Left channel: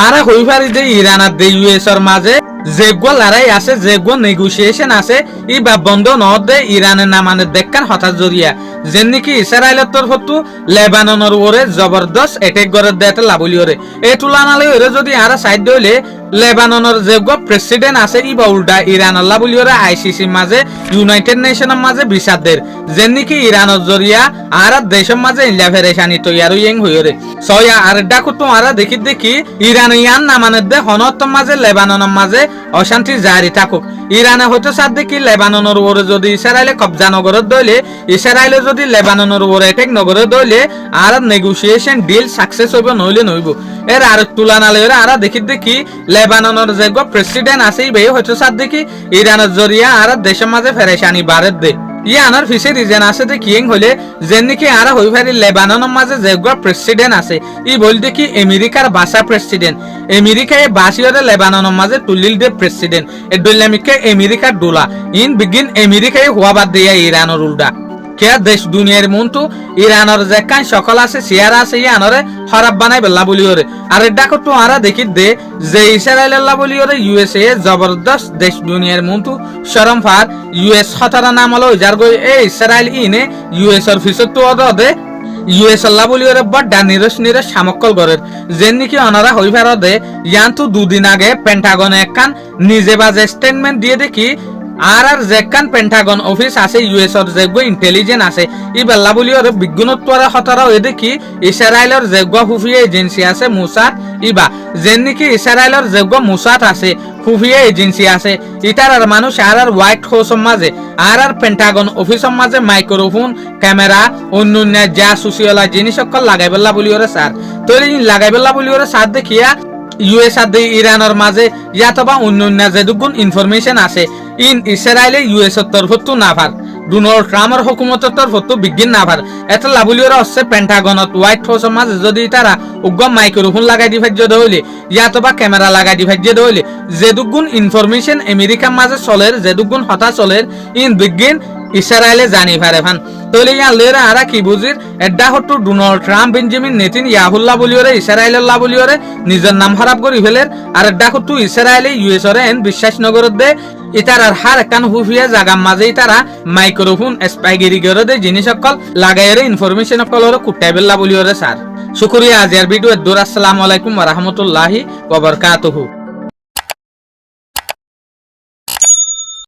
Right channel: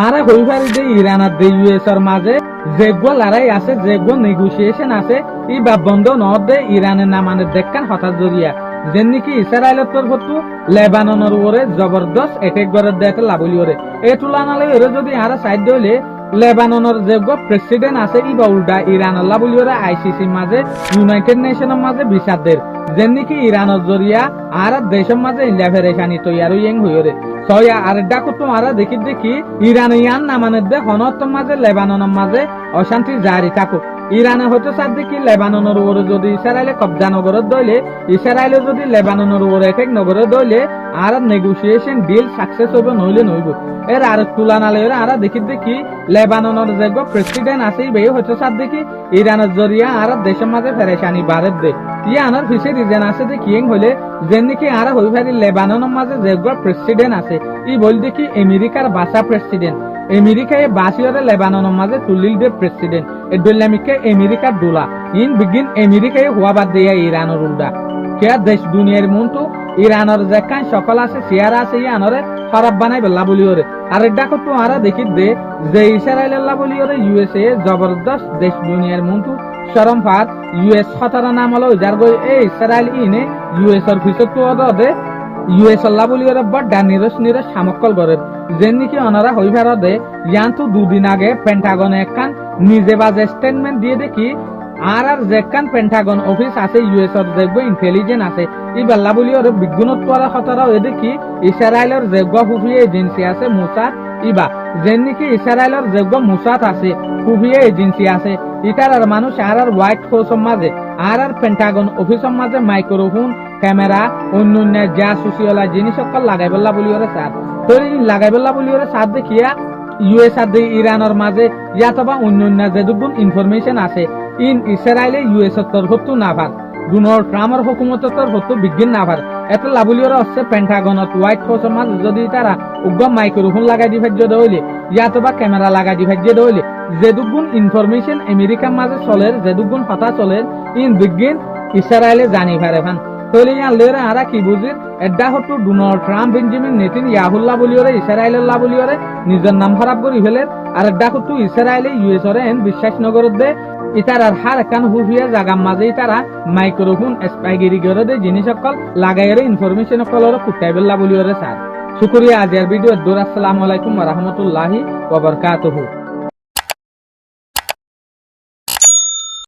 আরে হইবারি যে ইরান আর ইউএস এর মাঝে যেগো লড়াই আছে যেগো নেগোসিয়েশন আছে ই বা বন্ধ নদে ইরানের নামানে দেখান হঠাৎ জরিয়া যেন নাকি ইসরায়েলের তরফতু লেবাননের ওরে জবরদস্ত অ্যাটাক করে দেতে লাবলি ওরে এই তুলনালে ওরে যদি আর সাইড হইলে লেবাননের যেগো প্রেসিডেন্ট আছে ই বা উল্টা ইরান লাবলি ওরে আইসিসি মাঝে ইউনাইটেড নেশনের মাঝে বিচারদের যেন নাকি ইরানের জরিয়া আর দেশের মাঝে ইল্লা ফেরেশানি তৈয়ার ইয়েং হইরে সয়া আর ডাকু তোমারা দেখি ইরানিয়ান নামানের দে হনত্তর মাঝে লেবাননের মাঝে অশান্তি জারি থাকুক ইরানে হয়তো সাথে কি লেবাননের উপরে যদি ইসরায়েলে কবজা নগরত দইলে ইসরায়েলে যদি লেবাননের উপরে অ্যাটাক নগরত দইলে আর নেগোসিয়েশন ডিল সাকসেস হইব নইলে নইব এর আর তুলনালে আর দেখি লেবাননের যে প্রেসিডেন্ট আছে বে হয়তো সাথে কি ইরানের জরিয়া আর দেশের মাঝে ফেরেশানি বাড়ে দে আনার ফিসে রিজন আছে যে কিং হলে যেন নাকি আর হই ভারি লেবাননের মাঝে যে প্রেসিডেন্ট আছে ই বলতে কি আমেরিকার বাসা প্রেসিডেন্ট আমেরিকায় বাসিওরে লেবাননের মাঝে তুলিল দে প্রেসিডেন্ট এ দলামিকে আমেরিকার ডোলা ইন বিগিন আমেরিকায় হওয়া বাদ দেয়া ইরানের উল্টা কে দেশ দুনিয়ার মন্তু ইরানের যে কান সকল আছে সিয়ারা আছে ইয়ানরে খারাপ বানাই বেলা বলি ওরে আর ডাকো তো আরা দেখি দে যে ইসরায়েল আল্লাহ বলি ওরে ইউএসএ জবরদস্ত দেশ দুনিয়ার মন্তু শরম ফার ইউএস হতারা নাম হলো যার গই এ ইসরায়েল ইনে ইউএস এর ফিসত তো দে ইউএস আল্লাহ বলি ওরে বড় নিরস সামক্কল গরের যেন নাকি অনারা হই ফার দে ইয়ান্তু দুদিন আগে পেন্টাগনে একখান নিজে বাজে স্টেটমেন্ট দিয়ে দেখি আর যেখান পেন্টাগন অফিস আছে ইউএস এর যেগো ইন্টেলিজেন্স আছে ই বেলা বলি ওর বিজ্ঞানোত্তরা হতারা এ দেখি ইসরায়েলের যেগো খুফিয়া এজেন্সি আছে মুসাদ ইবা যেন নাকি ইসরায়েলের যেগো মুসাদ আছে খুফিয়া এজেন্সি আছে ইটার আর মানুষ আর হোয়াইট হাউসের মাঝে আর পেন্টাগন অফিসের মাঝে মাইক্রোফোন ক্যামেরা অন্যান্য যা সুশিয়ালা জিনিস সকল লাগাই বেলা বলি ওরে স্যার তো লাগাই বেলা বলি ওরে স্যার দেখিয়া ইউএস আর ইরানের মাঝে ইয়াতবা অন্যান্য যেদুগুণ ইনফরমেশন আছে ইন ইসরায়েলে ইউএস এর তরফতো না ভার ডোনাল্ড ট্রাম্পের হুকুমতের তরফতো বিজ্ঞান না ভার এত লাবলিওরা হচ্ছে পেন্টাগনত হোয়াইট হাউসের মাঝে যদি তারা উগ্র মাইক্রোফোন লাগাই দি ভাজ্য দইলে ইয়াতবা ক্যামেরা লাগাই দি ভাজ্য দইলে যেদুগুণ ইনফরমেশন আমেরিকার মাঝে চলের যেদুগুণ হতা চলের ইন বিজ্ঞান ইসরায়েলে জানি পারে ফান তলে ইয়ান লেরা আরা কি বুঝির এডা হটু ডোনাল্ড ট্রাম্প বেঞ্জামিন নেতানিয়াহুল্লাহ বলিওরে ইসরায়েলুল্লাহ বলিওরে নিজের নাম খারাপ করি ফেলের আর এডা হটু ইসরায়েলে ইউএস এর এন বিশ্বাস নগরত দে ইতারার হার কান হুফিয়া জাগার মাঝে তারা মাইক্রোফোন স্পাইগিরি করে দে জিনিস সকল লাগাইরে ইনফরমেশন সকল কুটাইবেল্লা বলিওরে স্যার শুকরিয়া আজিয়ার ভিডিও দূর আসসালামু আলাইকুম ওয়া রাহমাতুল্লাহি ওয়া বারাকাতুহু।